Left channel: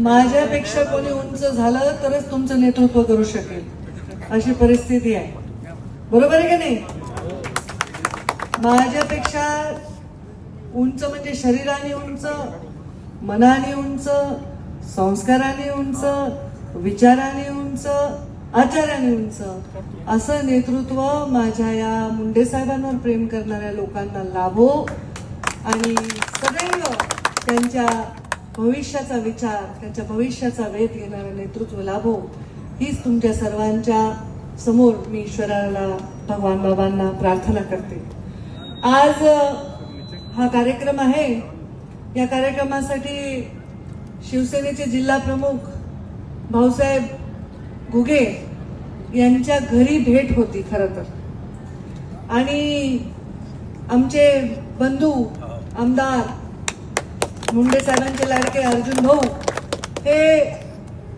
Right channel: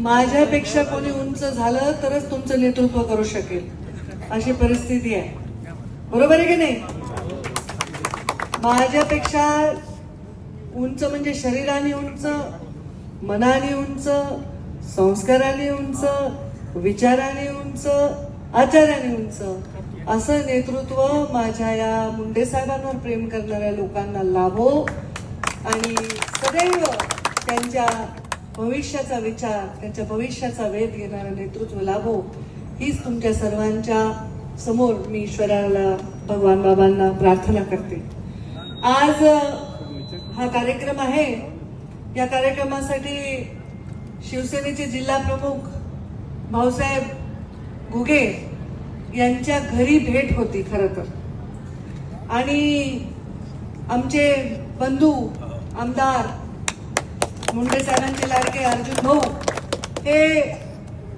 माझ्यापेक्षा कोणी उंच झालं तरच तुमचं नेतृत्व करू शकेल, अशी परिस्थिती आहे. बरोबर आहे की नाही? माझ्यापेक्षा उंच म्हणजे शरीराने उंच, मनाने उंच, संस्काराने उंच, विचाराने उंच, आचाराने उंच असं नेतृत्व माझ्या या मुंडे साहेबांवर प्रेम करणाऱ्या लोकांना लाभो आणि सदैव त्यांच्या भविष्याचा विचार, त्यांच्या भविष्याचा वेध घेणारं नेतृत्व लाभो, हीच तुमच्या सर्वांच्या समोर मी ईश्वराला, भगवान बाबांना प्रार्थना करते. आज हा कार्यक्रम आहे. या कार्यक्रमासाठी शिवसेनेचे जिल्हा प्रमुख भाऊसाहेब घुगे यांच्या घरी भेट होती खरं तर. आणि आमचे बंधू आमदार मुंडे साहेबांचे लाडके अर्जुन भाऊ हे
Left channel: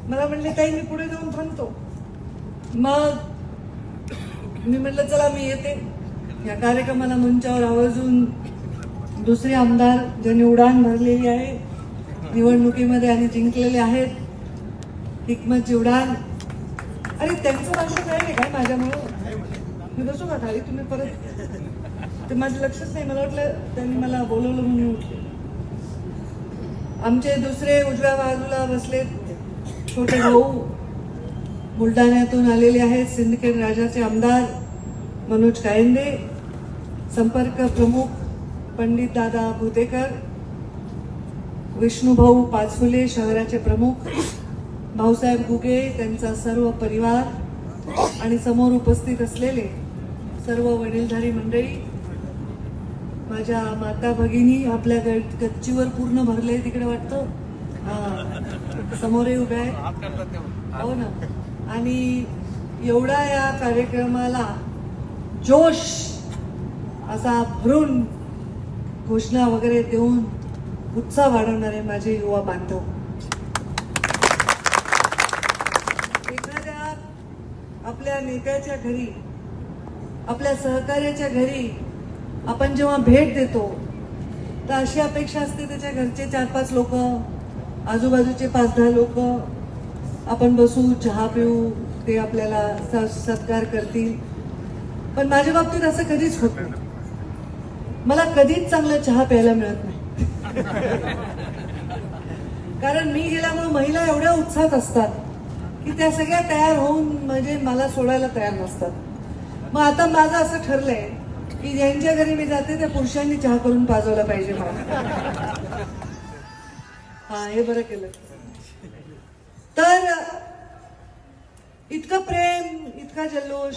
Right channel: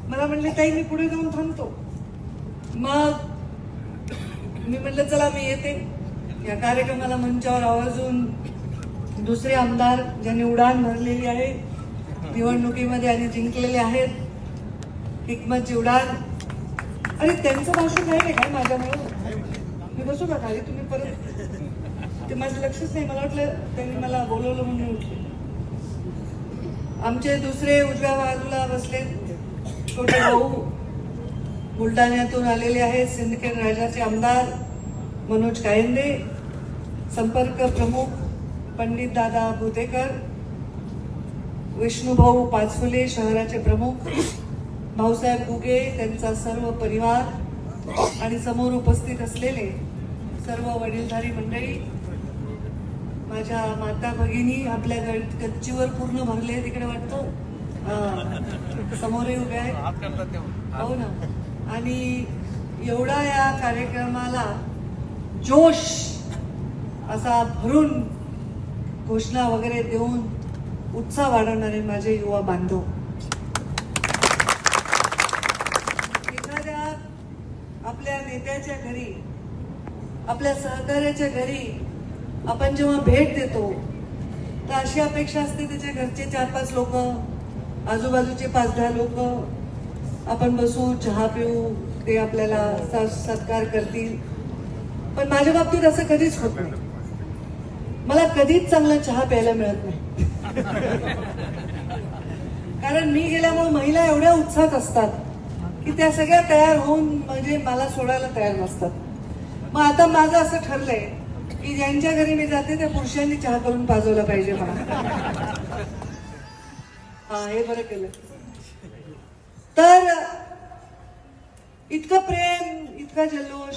मला म्हणले, ताई मी पुढे जाऊन थांबतो. मग मी म्हटलं चला मी येते. या कार्यक्रमाला मंचावर आवर्जून दुसरे आमदार ज्यांनी उडाण भरलेली आहे निवडणुकीमध्ये आणि जिंकलेले आहेत, हिकमतची उडाण. अरे त्यांचं भाषण काय नाही काय माझ्यामुळं? मी बसू का खाली? तुम्ही परत ते माझं लक्षच नाही. मला वाटलं त्यांनी मला बोलवलं म्हणून उठले. आमचे दुसरे उजव्या बाजूला बसले छोटे भाऊ बुलढाण्यातून आलेले आहेत, सिंदखेड राजाचे आमदार मनोज कायंदे, संपर्क प्रमुख पंडित दादा भुतेकर, विष्णुभाऊ पाचफुले शहराचे प्रमुख, भाऊसाहेब घुगे त्यांचा सर्व परिवार आणि समोर उपस्थित असलेले सर्व वडीलधारी मंडळी, माझ्या माता भगिनी आपल्या गच्चीवर पूर्ण भरले तिकडे वाटतं, समोरही उभे आहे. हो ना. आणि एवढा या कार्यक्रमाला जोश असा भरून घोषणा वगैरे देऊन उत्साह वाढवणारे माझे युवा बांधव. एखाद्या आपल्या नेत्याच्या घरी, आपल्या सहकार्याच्या घरी आपण जेव्हा भेट देतो तर अशी अपेक्षा असते त्याच्या घरचे 4-5 लोक, आजूबाजूचे 5-10 लोक आपण बसू, चहा पिऊ, ते आपल्याला सत्कार करतील. पण माझ्या बाबतीत असं कधीच होत नाही. मला कधीच चांगला चहा प्यायला मिळत नाही. कारण मी गेल्यामुळे महिला एवढ्या उत्साहात असतात की त्या सगळ्या तयार होऊन म्हणजे मला सोडायला तयार नसतात. मग आता माझं असं ठरलंय की ज्यांच्या घरी मी जाते त्या पुरुषांनी चहा करून पाजवला पाहिजे मला. हा, हे बरं केलं. तर इतकं प्रेम, इतका जल्लोष.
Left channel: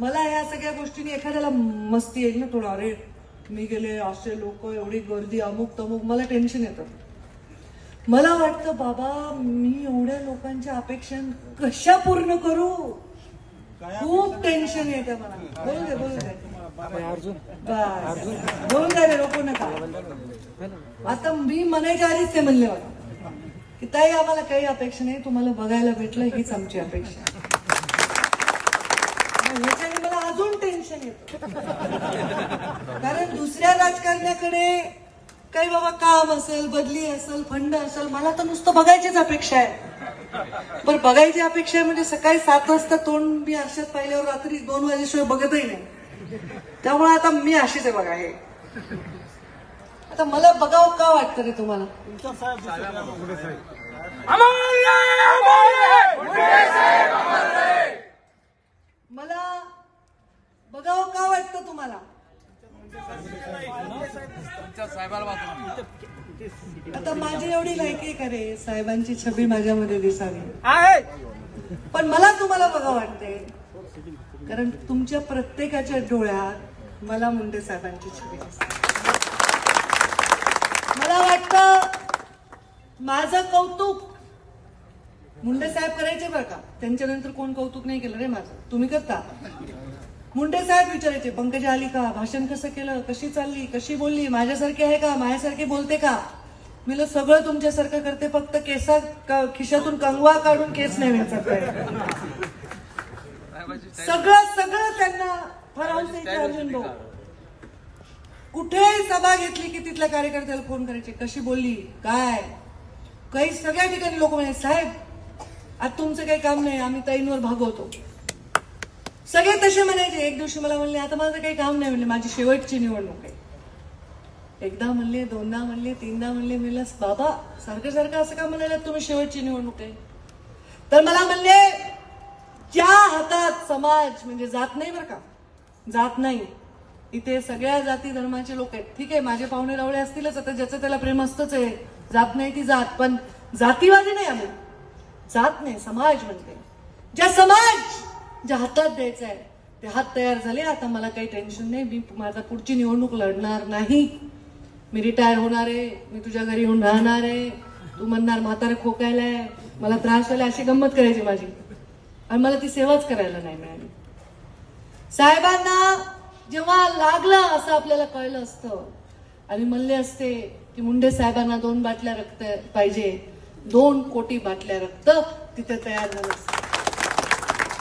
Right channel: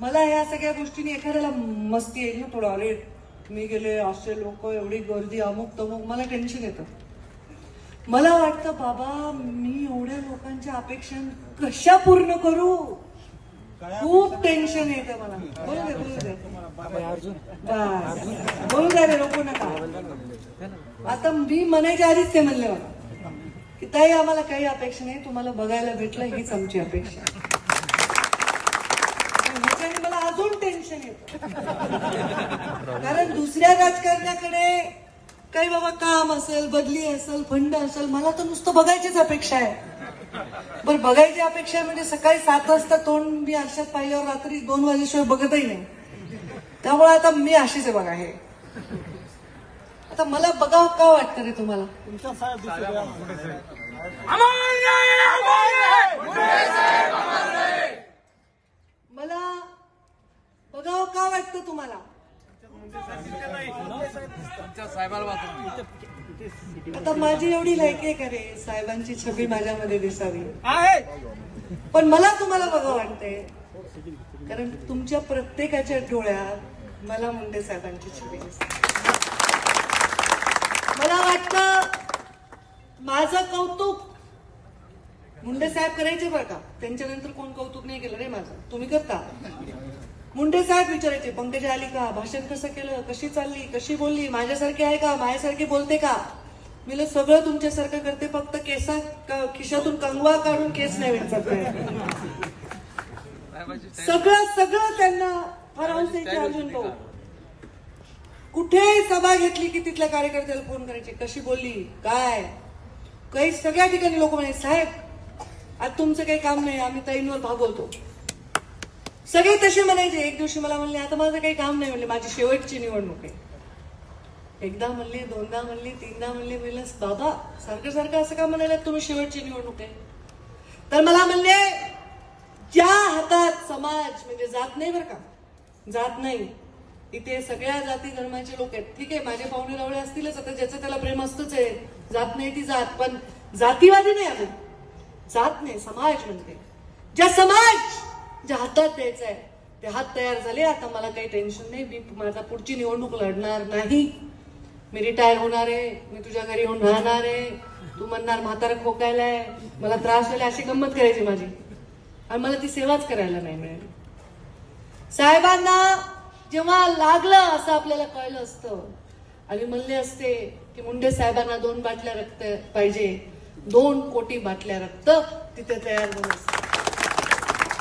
मला या सगळ्या गोष्टींनी एखाद्याला मस्ती येईल ना थोडं, अरे मी गेले, असे लोक, एवढी गर्दी, अमुक तमुक, मला टेन्शन येतं. मला वाटतं बाबा मी एवढ्या लोकांच्या अपेक्षा कशा पूर्ण करू, खूप टेन्शन येतं मला. बोल दे नको नका. आता मी म्हणायच्या आधीच ते म्हणले मला की ताई आम्हाला काही अपेक्षा नाही, तुम्हाला बघायला भेटलं हीच आमची अपेक्षा. ह्याच्याने मला अजून टेन्शन येतं. कारण दुसऱ्या राजकारण्याकडे काही बाबा काम असेल, बदली असेल, फंड असेल, मला तर नुसतं बघायचीच अपेक्षा आहे. बरं, बघायची अपेक्षा म्हणजे सकाळी 7 वाजता तोंड मी आरशात पाहिल्यावर रात्री 2 वाजेशिवाय बघतही नाही. त्यामुळे आता मी अशीच आहे बघा. हे आता मला बघावं का वाटतं रे तुम्हाला? मला बघावं का वाटतं तुम्हाला? आता माझी एवढी लायकी आहे का रे साहेबांची छबी माझ्यामध्ये दिसावी? पण मला तुम्हाला बघावं वाटतंय कारण तुमच्या प्रत्येकाच्या डोळ्यात मला मुंडे साहेबांची छबी दिसते. मला वाटतं माझं कौतुक मुंडे साहेब करायचे बरं का. त्यांच्यानंतर कोण कौतुक नाही केलं रे माझं, तुम्ही करता. मुंडे साहेब विचारायचे, पंकजा आली का, भाषण कसं केलं, कशी चालली, कशी बोलली, माझ्यासारखी आहे का, माझ्यासारखी बोलते का. मी सगळं तुमच्यासारखं करते, फक्त खिशातून कंगवा काढून केस नाही मिळतात. सगळं सगळं त्यांना फार हौस यायची. अर्जुन भाऊ कुठे सभा घेतली की तिथल्या कार्यकर्त्याला फोन करायचे, कशी बोलली, काय. काही सगळ्या ठिकाणी लोक म्हणाले साहेब आज तुमचं काही काम नाही, आम्ही ताईंवर भागवतो. सगळे तसे म्हणायचे. एक दिवशी मला म्हणले आता माझं काही काम नाही, म्हणले माझी शेवटची निवडणूक आहे. एकदा म्हणले, दोनदा म्हणले, तीनदा म्हणले. मी बाबा सारखं सारखं असं का म्हणायला तुम्ही शेवटची निवडणूक आहे? तर मला म्हणले ज्या हातात समाज म्हणजे जात नाही बरं का, जात नाही, इथे सगळ्या जाती धर्माचे लोक आहेत. ठीक आहे माझे पाहुणे रावळे असतीलच, आता ज्याचं त्याला प्रेम असतंच आहे, जात नाही ती जात, पण जातीवादी नाही आम्ही, जात नाही समाज म्हणते. ज्या समाज ज्या हातात द्यायचा आहे ते हात तयार झाले. आता मला काही टेन्शन नाही, मी माझा पुढची निवडणूक लढणार नाही, मी रिटायर होणार आहे, मी तुझ्या घरी येऊन राहणार आहे, तू म्हणणार म्हातारा खोकायलाय, मला त्रास झाला, अशी गंमत करायची माझी. आणि मला ती सेवाच करायला नाही मिळाली. साहेबांना जेव्हा लागलं असं आपल्याला कळलं असतं आणि म्हणले असते की मुंडे साहेबांना 2 बाटल्या रक्त पाहिजे, 2 कोटी बाटल्या रक्त तिथे तयार झालं असतं.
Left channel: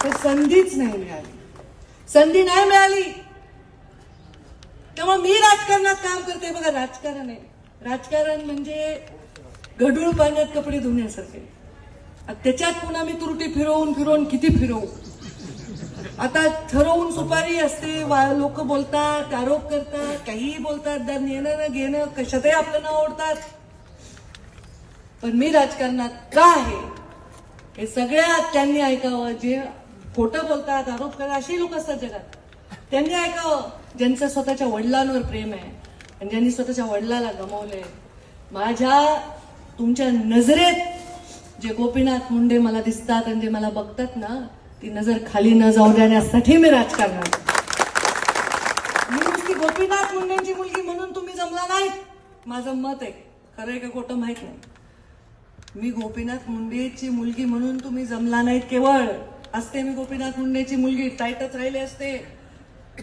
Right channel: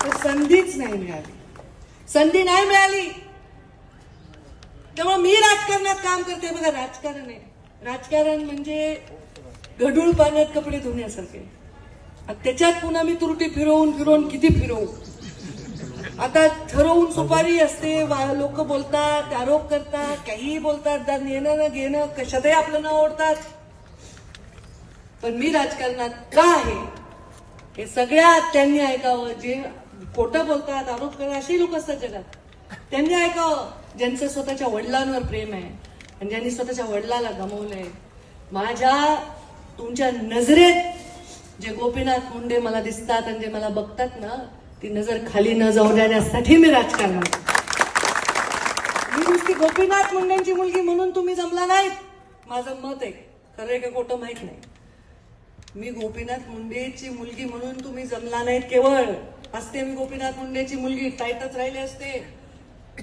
तर संधीच नाही मिळाली, संधी नाही मिळाली. तेव्हा मी राजकारणात काम करते. बघा राजकारण आहे, राजकारण म्हणजे गढूळ पाण्यात कपडे धुण्यासारखे. त्याच्यात पुन्हा मी त्रुटी फिरवून फिरवून किती फिरवू. आता ठरवून सुपारी असते, लोक बोलतात, आरोप करतात, काहीही बोलतात, येणं न घेणं कशातही आपलं नाव ओढतात. पण मी राजकारणात का आहे हे सगळ्यात त्यांनी ऐकावं. जे खोटं बोलतात, आरोप करतात अशी लोक असतात जगात, त्यांनी ऐकावं. ज्यांचं स्वतःच्या वडिलांवर प्रेम आहे आणि ज्यांनी स्वतःच्या वडिलाला गमावलंय. माझ्या तुमच्या नजरेत जे गोपीनाथ मुंडे मला दिसतात आणि जे मला बघतात ना, ती नजर खाली न जाऊ देण्यासाठी मी राजकारणात. मी नुसती गोपीनाथ मुंडेंची मुलगी म्हणून तुम्ही जमला नाहीत, माझं मत आहे, खरं आहे का खोटं माहित नाही. मी गोपीनाथ मुंडेची मुलगी म्हणून तुम्ही जमला नाहीत. केवळ असते मी गोपीनाथ मुंडेची मुलगी, टाईटच राहिले असते,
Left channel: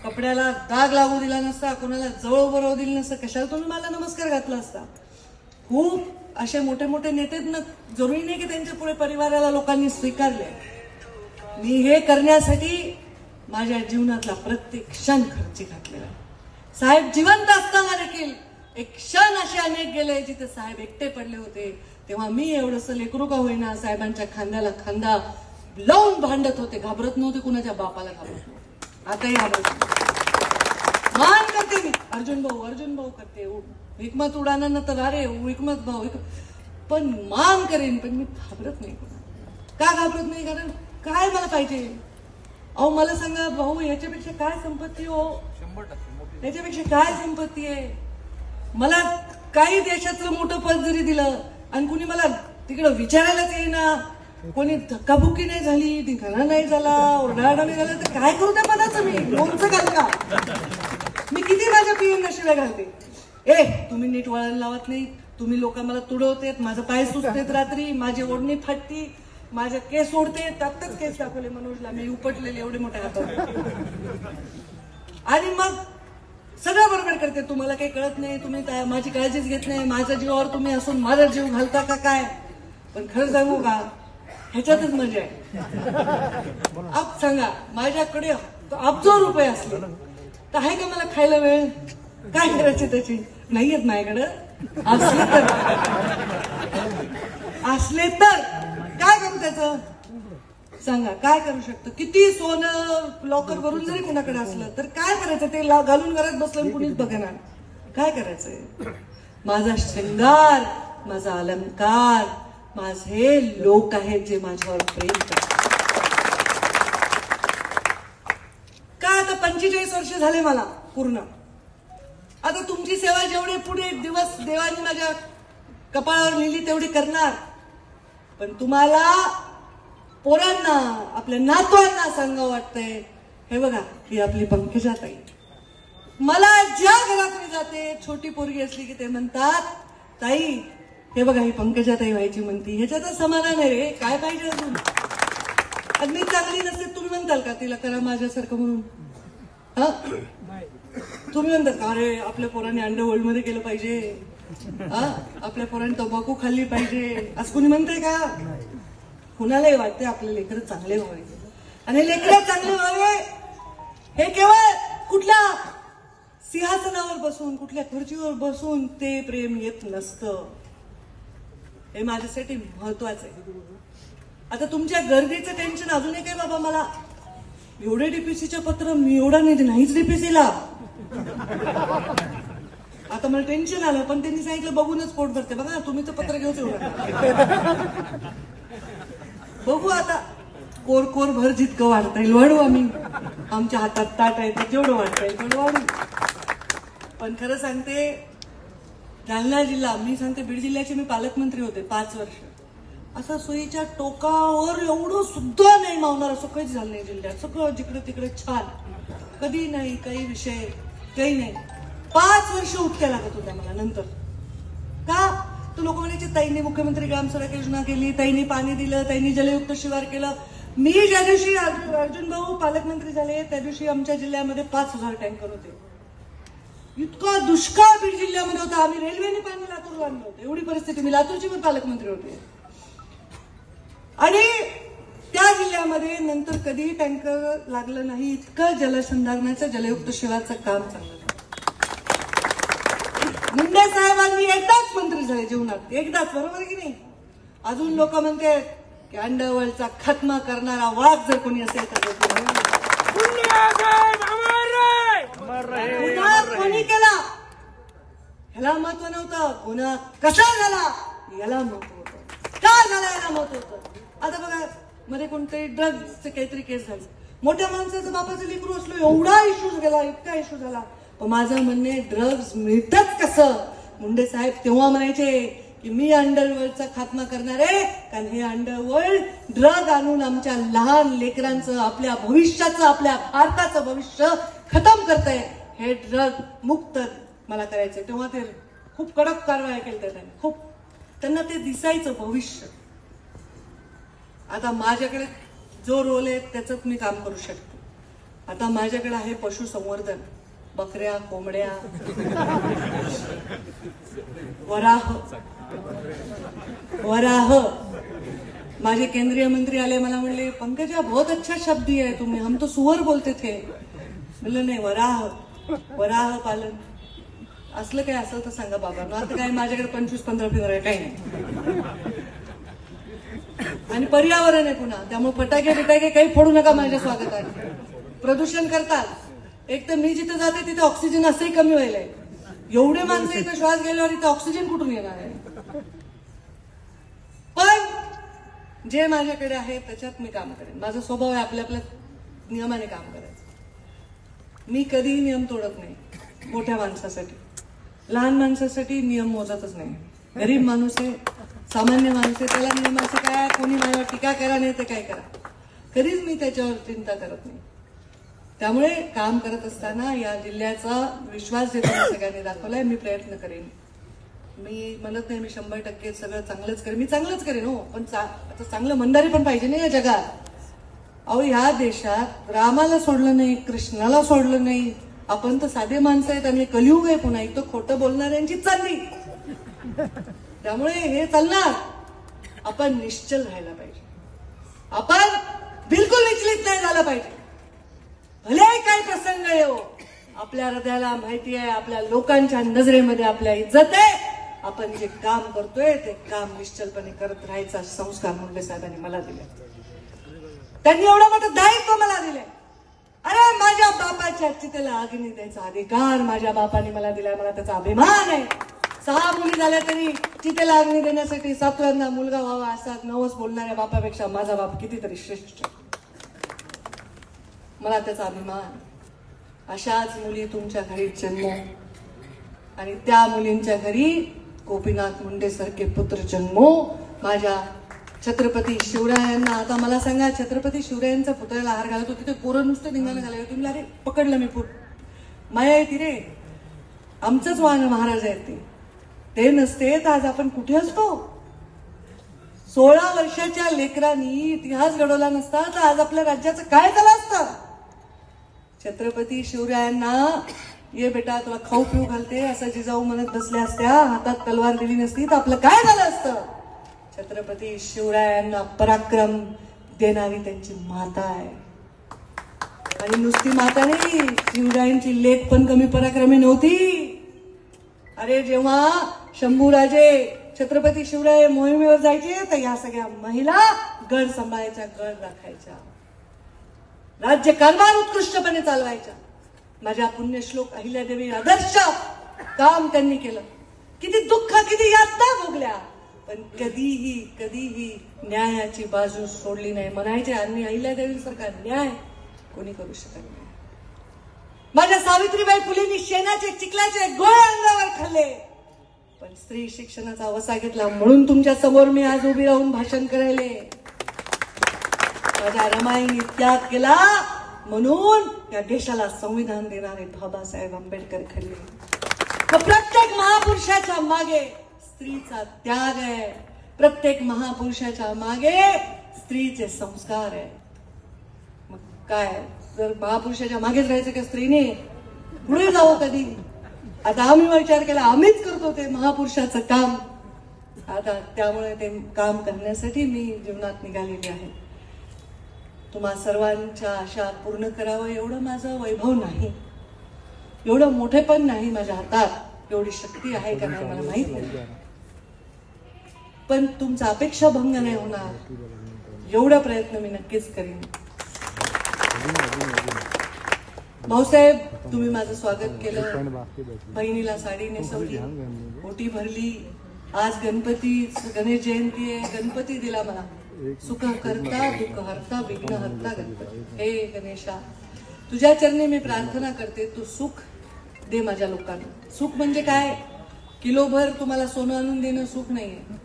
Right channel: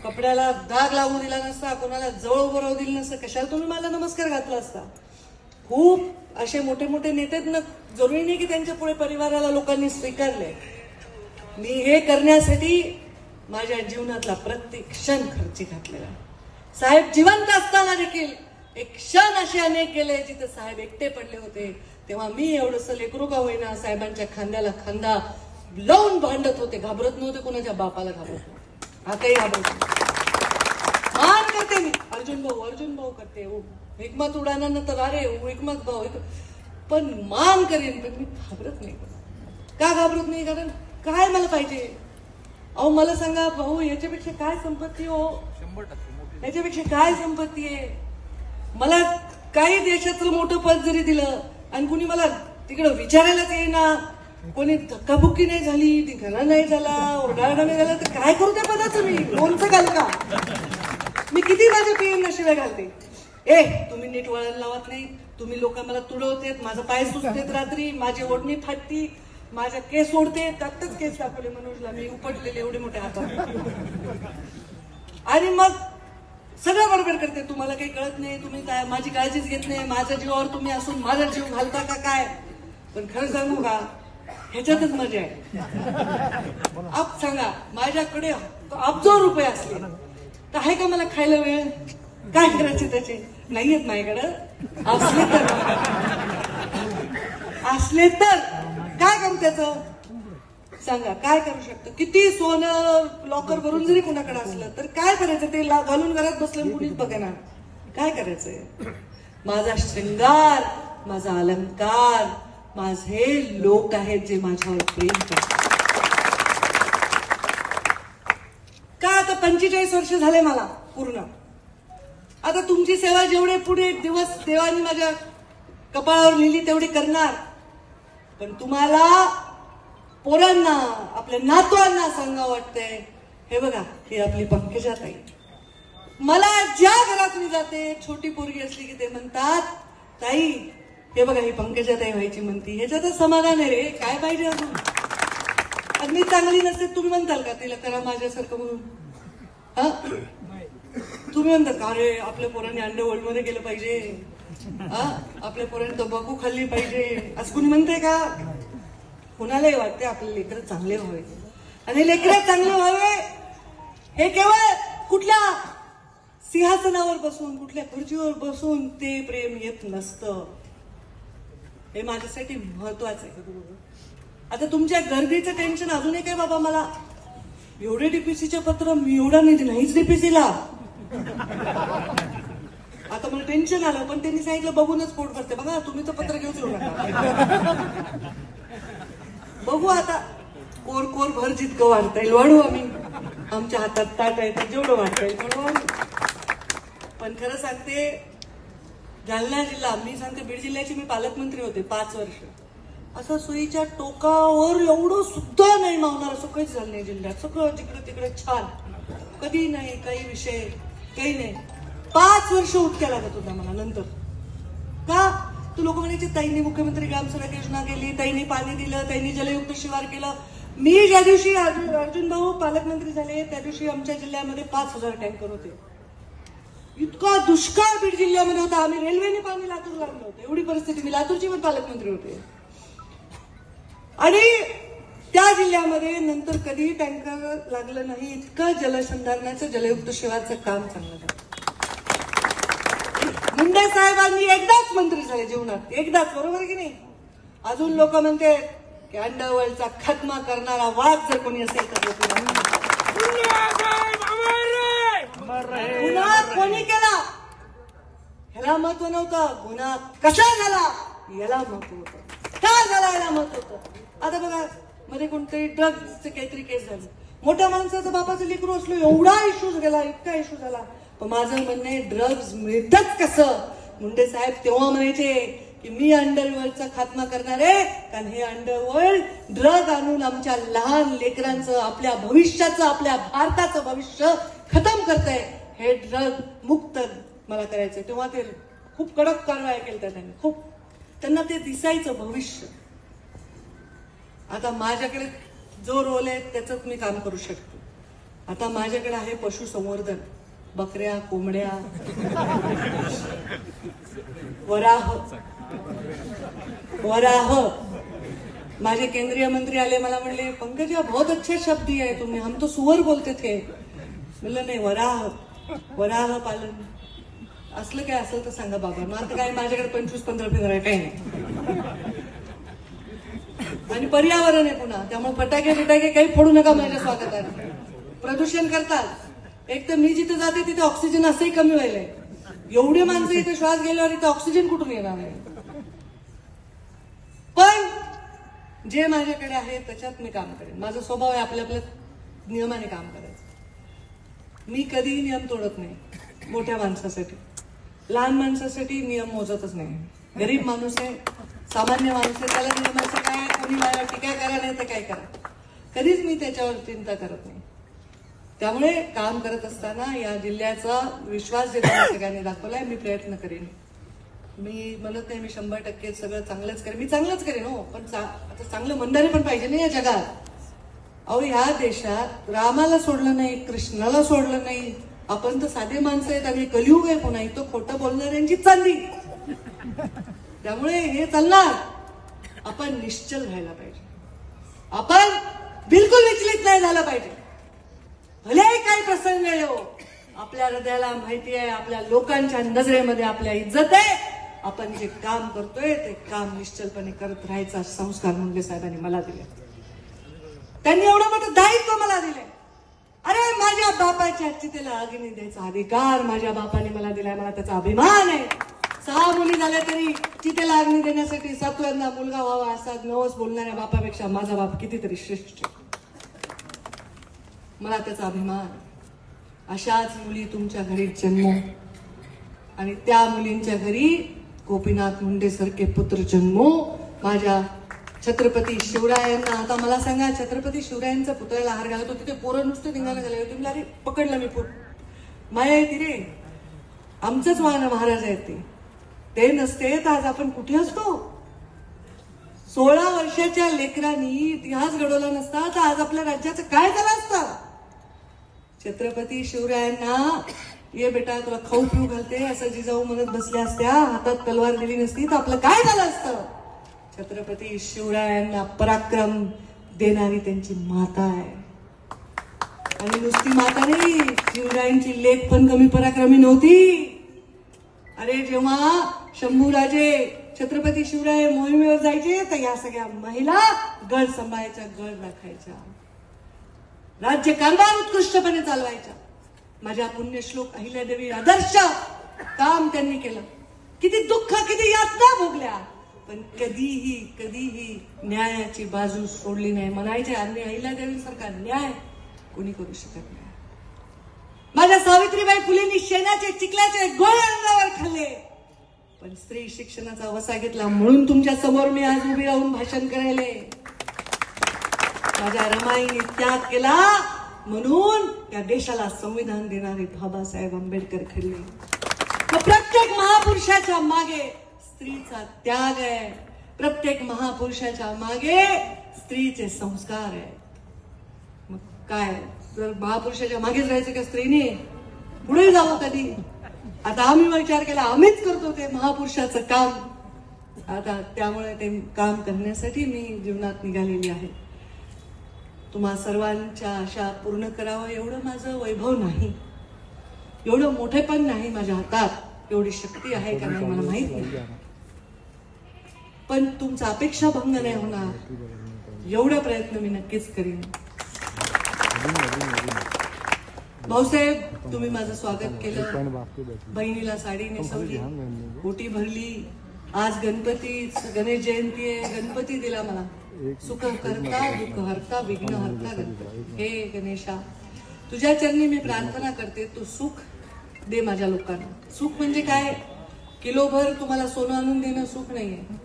कपड्याला दाग लागू दिला नसता, कोणाला जवळ उभं राहू दिलं नसतं, कशाला तुम्ही मला नमस्कार घातला असता. खूप असे मोठे मोठे नेते ना, जरुरी नाही की त्यांच्या पुढे परिवाराला लोकांनी स्वीकारले. मी हे करण्यासाठी माझ्या जीवनातला प्रत्येक क्षण खर्ची घातलेला. साहेब जिवंत असताना देखील एक क्षण असे अनेक गेले जिथे साहेब एकटे पडले होते, तेव्हा मी एवढंसं लेकरू का होईना साहेबांच्या खांद्याला खांदा लावून भांडत होते. घाबरत नव्हते, कुणाच्या बापाला घाबरत नव्हते, आताही घाबरत नव्हते. मान करते मी, अर्जुन भाऊ करते, हिकमत उडाना तर अरे हिकमत भाऊ, पण मान करेन, पण मी घाबरत नाही. का घाबरत नाही? कारण काय मला पाहिजे. अहो मला सांगा भाऊ, याच्यापेक्षा काय संपत्ती हो, 100% याच्यापेक्षा काय संपत्ती आहे. मला काही देशातलं मोठं पद जरी दिलं आणि कुणी मला तिकडं विचारायलाच येईना, कोणी धक्काबुक्की नाही झाली, धिंगाणा नाही झाला, ओरडाओरडा नाही झाला, तर काय करू त्या पदाचं मी? लोणचं घाल का? मी किती माझ्या पिईंना शिव्या घालते. तुम्ही नीट वळण लावत नाही, तुम्ही लोक मला तुडवतेत, माझा पाय सुचतेत रात्री, माझी ओढणी फाटती, माझ्या केस ओढते, त्यातच केस दाखवले मनोजला मी उपटलेले एवढे मोठे हातात. आणि मग सगळं बरोबर करते. तुम्हाला काही कळत नाही, तुम्ही माझी काळजीच घेत नाही, माझ्या जीवावर तुम्ही असून माझा जीव घालता का काय? पण खरं सांगू का, ह्याच्यातच मजा आहे. आप सांगा, माझ्याकडे अब्जो रुपये असले तर आहे का मला खायला वेळ? काय करायचे त्याचे? नाहीयेत माझ्याकडं. असले तर काय करू त्याचं? सांगा काय करू शकतो? किती सोनं लॉकर भरून जरी कोणाकडे असलं तर काय करायचं? ते घालून घरात बसलं कुणीच बघणार. काय करायचंय? माझा श्रृंगार, माझा अलंकार, माझे लोक आहेत जे माझ्यावर प्रेम करतात. का आता 45 वर्ष झाले मला पूर्ण. आता तुमची सेवा जेवढे पुढे दिवस देवाने माझ्या कपाळावर लिहिली तेवढी करणार. पण तुम्हाला पोरांना, आपल्या नातवांना सांगावं वाटतंय, हे बघा ही आपली पंकजाताई. मला ज्या घरात मी जाते, छोटी पोरगी असली की ते म्हणतात, ताई हे बघा ही पंकजाताई व्हायची म्हणती. ह्याच्यातच समाधान आहे रे, काय पाहिजे अजून? अगदी चांगली नसते तुम्ही म्हणताल का तिला करा माझ्यासारखं म्हणून? हा तुम्ही म्हणतात का अरे आपल्या पोराने अंडरवर्ल्ड मध्ये गेलं पाहिजे, हा आपल्या पोराने तंबाखू खाल्ली पाहिजे, असं कुणी म्हणते का? कुणालाही वाटते आपले लेकरं चांगले व्हावे. आणि लेकरं चांगले व्हावे हे केवळ कुठल्या सिंहासनावर बसून, कुठल्या खुर्चीवर बसून ते प्रेम येत नसतं. हे माझ्यासाठी महत्वाचं आहे. आता तुमच्या गर्दीचं टेन्शन अजून एक आहे बाबा, मला एवढे डीपीसीचे पत्र मी एवढा नाहीच डीपीसीला. आता मला टेन्शन आलं, पण त्यांनी सांगितलं बघूनच पोट भरते. बघा तुम्ही तर पत्र घेऊच बघू आता कोर कोर भर जितकं वाढता येईल वाढू आम्ही. आमच्या हातात ताट आहे जेवढं वाढता येईल तेवढं वाढू. पण खरं सांगते, जालना जिल्हा, मी सांगते बीड जिल्ह्याचे मी पालकमंत्री होते 5 वर्ष. असं सोयीच्या टोकावर एवढं सुद्धा नाही मावणार असं काहीच झालं नाही जिल्ह्यात. सगळं जिकडे तिकडे छान, कधी नाही काही विषय काही नाही. 5 वर्ष उठत्या लागत होत्या मला नंतर. का तू लोक म्हणायचे ताईंनी मुख्यमंत्री ग्राम सडक योजना केली, ताईंनी पाणी दिलं, ताईंनी जलयुक्त शिवार केलं. मी ज्या दिवशी अर्जुन भाऊ पालकमंत्री झाले त्या दिवशी आमच्या जिल्ह्यामध्ये 5000 टँकर होते. इतका दुष्काळ बीड जिल्ह्यामध्ये होता. आम्ही रेल्वेने पाणी लातूरला आणलं होतं. एवढी परिस्थिती. मी लातूरची पण पालकमंत्री होते. आणि त्या जिल्ह्यामध्ये नंतर कधी टँकर लागलं नाही. इतकं जलसंधारणाचं जलयुक्त शिवारचं काम चाललं. मुंडे साहेबांनी एकदाच मंत्री झाले जीवनात, एकदाच. बरोबर की नाही? अजून लोक म्हणते की अंडरवर्ल्डचा खात्मा करणारा वाघ जर कोणी असेल तर गुन्हा कोणी केला ह्याला महत्व नव्हतं. गुन्हा कसा झाला याला महत्व होतं. का झाला याला महत्व होतं. आता बघा मध्ये कोणतरी ड्रग्जचे काहीतरी केस झाली. मोठ्या माणसाचं बापाचं लेकरू असलो एवढा इश्यू गेला, इतका इश्यू झाला. पण माझं म्हणणे ड्रग्ज मिळतात कसं. मुंडे साहेब तेव्हा म्हणायचे की मी अंडरवर्ल्डचा खात्मा करणार आहे, कारण हे अंडरवर्ल्ड ड्रग आणून आमच्या लहान लेकरांचं, आपल्या भविष्याचं, आपल्या भारताचं भविष्य खतम करतंय. हे ड्रग मुक्त मला करायचंय. तेव्हा ते खूप कडक कारवाया केल्या त्यांनी. खूप त्यांना ते दिसायचं भविष्य. आता माझ्याकडे जो रोल आहे त्याच्यात मी काम करू शकतो. आता माझ्याकडे आहे पशुसंवर्धन. बकऱ्या, कोंबड्या, वराह. माझे केंद्रीय मंत्री आले, मला म्हणले पंकजा बहुत अच्छा शब्द दिया है तुम्ही, हम तो सुअर बोलते थे. म्हणलं नाही, वराह पालन असलं काय असेल तर सांगा बाबा. आता काय माझ्याकडे 25-15 फिगर आहे, काही नाही. आणि पर्यावरण आहे पुन्हा, त्यामुळे फटाके काही फोडू नका माझ्या स्वागताने. प्रदूषण करतात. एक तर मी जिथे जाते तिथे ऑक्सिजन असंही कमी व्हायलाय. एवढे माणसं इथे श्वास गेल्यावर इथे ऑक्सिजन कुठून येणार आहे. पण जे माझ्याकडे आहे त्याच्यात मी काम करेन. माझा स्वभाव आहे आपल्या नियमाने काम करायचं. मी कधीही नियम तोडत नाही. मोठ्या माणसासाठी, लहान माणसासाठी नियम मोजतच नाही. गरीब माणूस आहे, सामान्य माणूस आहे, त्याला नियमाचं काय, कोणी माझ्या टीका करा नाही तर काय करा, कधीच मी त्याच्यावर चिंता करत नाही. त्यामुळे काम करत असताना या जिल्ह्याचा विश्वास ज्या सगळ्यांनी दाखवलाय, मी प्रयत्न करेन. मी म्हणत नाही मी 100% सगळं चांगलंच करेन. मी चांगलंच करेन हो, पण आता चांगलं म्हणणारे पण पाहिजे नाही या जगात. अहो ह्या देशात रामाला सोडलं नाही, कृष्णाला सोडलं नाही. आपण तर साधे माणसं आहेत आणि कलियुग आहे पुन्हा. इथं खोटं बोलणाऱ्यांचीच चालली. त्यामुळे हे चालणार. आपण निश्चल राहायला पाहिजे. आपण बिलकुल विचलित नाही झालं पाहिजे. भले काही प्रसंग येऊ, आपल्या हृदयाला माहिती आहे, आपल्या लोकांच्या नजरेमध्ये आपल्या इज्जत आहे. आपण जे काम करतोय ते काम निश्चलपणे करत राहायचा संस्कार मुंडे साहेबांनी मला दिले. त्यांनी एवढं मोठं दायित्व मला दिले. अरे माझ्या बापाच्या चितेला अग्नी द्यायचा अधिकार माझ्या बापाने मला दिलाय. मला त्याचा अभिमान आहे. 6 मुली झाल्या तरी चितेला अग्नी देण्यासाठी 7व्यांदा मुलगा व्हावा असा नवस बोलणाऱ्या बापापेक्षा माझा बाप कितीतरी श्रेष्ठ. मला त्याचा अभिमान. अशाच मुली तुमच्या घरी जन्मो आणि त्या मुलींच्या घरी गोपीनाथ मुंडे सारखे पुत्र जन्मो. माझ्या छत्रपती शिवरायांना, आता मला सांगा, छत्रपती शिवरायांचा पुतळ्याला हार घालत होती, ते पोरं नुसते धिंगाणा झाले होते. अरे पकडलं मी, माया येते रे, आमचंच महाराज आहेत ते नसते तर आज आपण कुठे असतो. 16 वर्षाच्या लेकरांनी इतिहास घडवला नसता तर आज आपल्या राज्याचं काय झालं असतं. छत्रपती शिवरायांना ये बेटा तुला खाऊ पिऊ घालते असं जिजाऊ म्हणत बसल्या असत्या, हातात तलवार दिली नसती तर आपलं काय झालं असतं. छत्रपती शिवरायांना पराक्रम देणारी त्यांची माता आहे. आणि नुसती माता नाही, शिवरायांची लेक पण कमी पराक्रमी नव्हती. अरे जेव्हा शंभूराजे छत्रपती शिवराय मोहिमेवर जायचे तर या सगळ्या महिला गड सांभाळायच्या, गड राखायच्या, राज्य कारभार उत्कृष्टपणे चालवायच्या. माझ्या पुण्यश्लोक अहिल्यादेवी आदर्श काम त्यांनी केलं. किती दुःख, किती यातना भोगल्या, पण कधीही न्यायाची बाजू सोडली नाही. म्हणायचे आणि अहिल्यादेवी सारखा न्याय कोणी करू शकत नाही. माझ्या सावित्रीबाई फुलेंनी शेणाचे चिखलाचे गोळे अंगावर खाल्ले, पण स्त्री शिक्षणाचा वसा घेतला म्हणून तुमच्या समोर मी आज उभी राहून भाषण करायले. माझ्या रमाईने त्याग केला म्हणून या देशाला संविधान देणारे बाबासाहेब आंबेडकर खरले. प्रत्येक महापुरुषाच्या मागे स्त्रीचा त्याग आहे, प्रत्येक महापुरुषाच्या मागे स्त्रीचे संस्कार आहे. मग काय, जर महापुरुषाच्या मागेच राहायचं का स्त्रीने, पुढे जावं कधी? आता आम्ही विचार केला, आम्हीच करतो ते महापुरुषाचं काम. आता त्यामुळे ते काम करण्यासाठी मी जीवनात निघालेली आहे. तुम्हा सर्वांच्या आशा पूर्ण करावं एवढं माझं वैभव नाही, एवढं मोठेपण नाही माझ्या हातात, एवढी शक्ती आहे का नाही मला माहित नाही, पण तुमचा अपेक्षा भंग नाही होणार एवढा प्रयत्न मी नक्कीच करीन. भाऊसाहेब, तुम्ही माझं स्वागत केलं, बहिणीला साडी नेसवली, ओटी भरली. आज गणेश जयंती आहे, गणपती दिला मला. सुख हरता दुःख हरता विघ्न हरता गणपती. हे गणेशा, तुझ्या चरणी मी प्रार्थना करते, तू सुख दे माझ्या लोकांना. सुख म्हणजे काय? किलोभर तुम्हाला सोनं आणून देणं सुख नाहीये.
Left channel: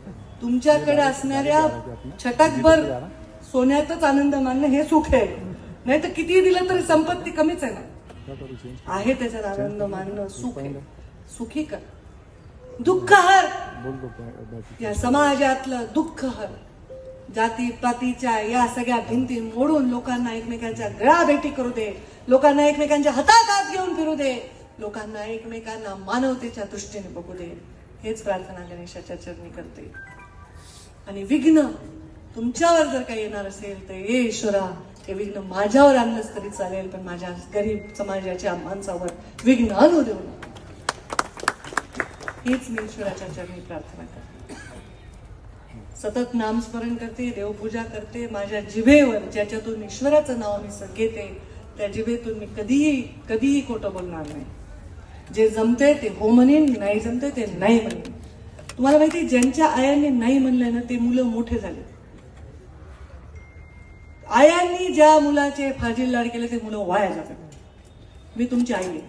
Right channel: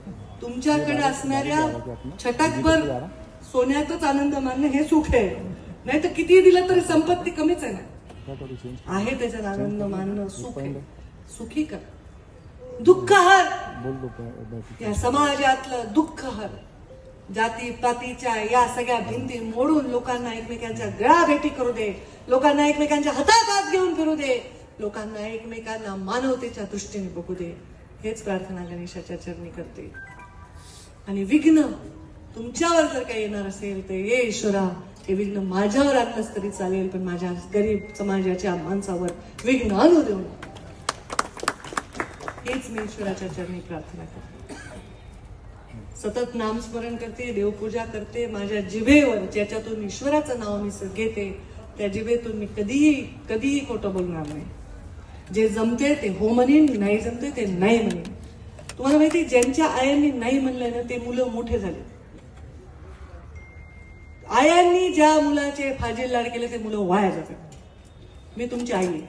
तुमच्याकडे असणाऱ्या छटाकभर सोन्यातच आनंद मानणं हे सुख आहे. नाही तर किती दिलं तरी संपत्ती कमीच आहे ना, आहे त्याच्यात आनंद मानणं सुख आहे. सुखी कर, दुःख हर, या समाजातलं दुःख हर. जाती पातीच्या या सगळ्या भिंती मोडून लोकांना एकमेकांच्या गळाभेटी करू दे, लोकांना एकमेकांच्या हातात हात घेऊन फिरू दे, लोकांना एकमेकांना मानवतेच्या दृष्टीने बघू दे. हेच प्रार्थना गणेशाच्या चरणी करते. आणि विघ्न तुमच्यावर जर काही येणार असेल तर ये ईश्वरा, हे विघ्न माझ्यावर आणलंच तरी चालेल, पण माझ्या गरीब समाजाच्या माणसावर विघ्न आणू देऊ नये. हीच मी ईश्वराच्या चरणी प्रार्थना करते. सतत नामस्मरण करते, देवपूजा करते. माझ्या जिभेवर ज्याच्यातून ईश्वराचं नाव मी घेते त्या जिभेतून मी कधीही खोटं बोलणार नाही. जे जमते ते हो म्हणेन, नाही जमते ते नाही म्हणेन. तुम्हाला माहिती, ज्यांच्या आयांनी नाही म्हणलं ना ते मुलं मोठे झाले. आयांनी ज्या मुलाचे फाजील लाड केले ते मुलं वाया जातात. मी तुमची आई आहे,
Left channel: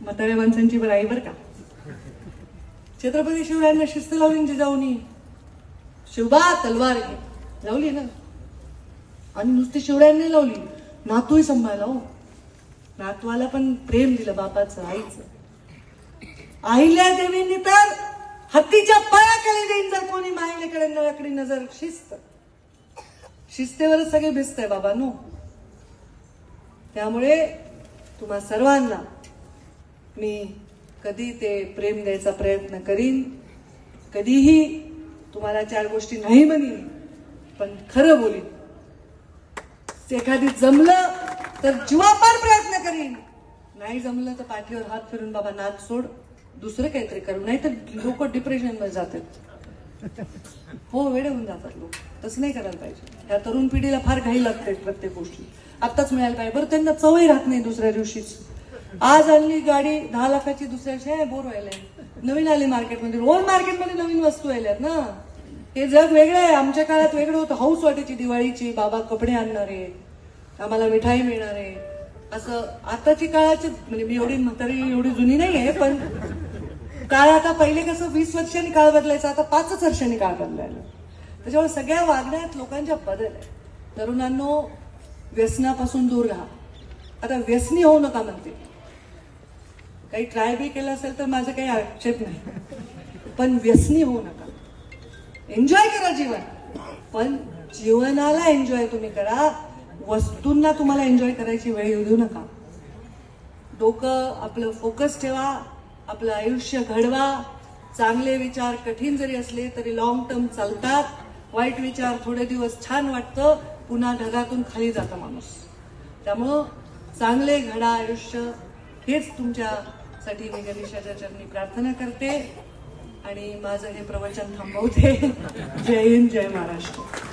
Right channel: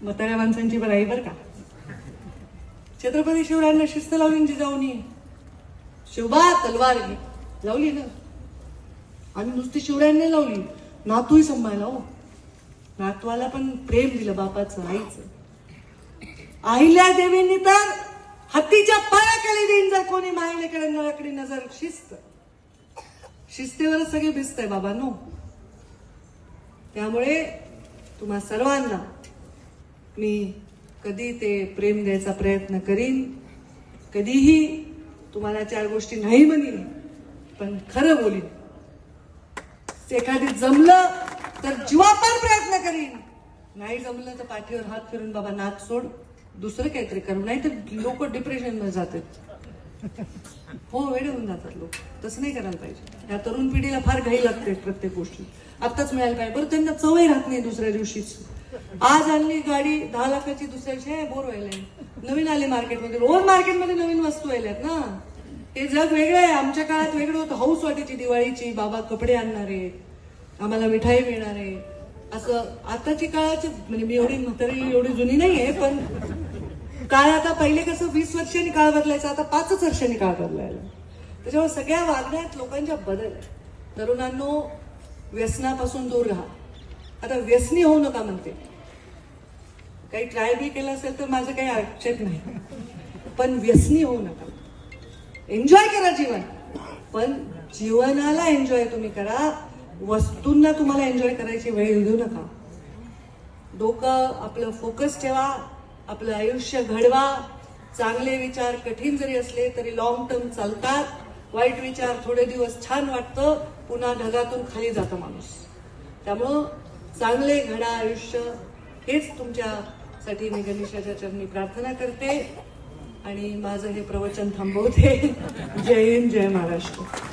म्हाताऱ्या माणसांची बरं आई बरं का. छत्रपती शिवरायांना शिस्त लावली जिजाऊनी, शिवबा तलवार घे, लावली ना. आणि नुसती शिवरायांनी लावली, नातूही सांभाळला. नातवाला पण प्रेम दिलं बापाचं, आईचं. अहिल्यादेवींनी तर हत्तीच्या पायाखाली देईन जर कोणी मायलेकडे नळाकडे नजर. शिस्तेवरच सगळे भिस्त आहे बाबांनो. त्यामुळे तुम्हा सर्वांना मी कधी ते प्रेम द्यायचा प्रयत्न करीन, कधीही तुम्हाला चार गोष्टी नाही म्हणीन, पण खरं बोलीन. एखादी जमलं तर जीवापार प्रयत्न करीन, नाही जमलं तर पाठीवर हात फिरून बाबा नाच सोड, दुसरं काहीतरी करू. नाही तर लोक डिप्रेशन मध्ये जातात. हो, वेडे होऊन जातात लोक. तसं नाही करायला पाहिजे. या तरुण पिढीला फार घाई लागते प्रत्येक गोष्टी आत्ताच मिळायला पाहिजे. बरं, त्यांना चवही राहत नाही दुसऱ्या दिवशीच. आज आणली गाडी 10 लाखाची, दुसऱ्या दिवशी बोर व्हायला. नवीन आली मार्केटमध्ये, रोज मार्केटमध्ये नवीन वस्तू आल्यात ना. हे जग वेगळं आहे. आमच्या काळात वेगळं होतं. हाऊस वाटायची दिवाळीची, बाबा कपडे आणणारे, आम्हाला मिठाई मिळणारे. असं आताची काळाची, म्हणजे मी एवढी म्हातारी एवढी जुनी नाहीये, पण काळ आता पहिले कसं 20 वर्षांनी काळ बदलायचा, आता 5 वर्षांनी काळ बदलायला. त्याच्यामुळे सगळ्या वागण्यात लोकांच्या बदल आहे. तरुणांनो, व्यसनापासून दूर राहा. आता व्यसनी होऊ नका म्हणते. काही ट्राय बी केलं असेल तर माझं काही आक्षेप नाही, पण व्यसनी होऊ नका. एन्जॉय करा जीवन, पण जीवनाला एन्जॉय तुम्ही करा. वस्तूंना तुम्हाला एन्जॉय करायची वेळ देऊ नका. डोकं आपलं फोकस ठेवा, आपलं आयुष्य घडवा. चांगले विचार कठीण जरी असले तरी लॉंग टर्म चालतात. वाईट विचार थोडे दिवस छान वाटतं, पुन्हा ढगातून खाली जातं माणूस. त्यामुळं चांगले घडा आयुष्य, हेच तुमच्यासाठी मी गणेशाच्या चरणी प्रार्थना करते. आणि माझं हे प्रवचन थांबवते. जय हिंद, जय महाराष्ट्र.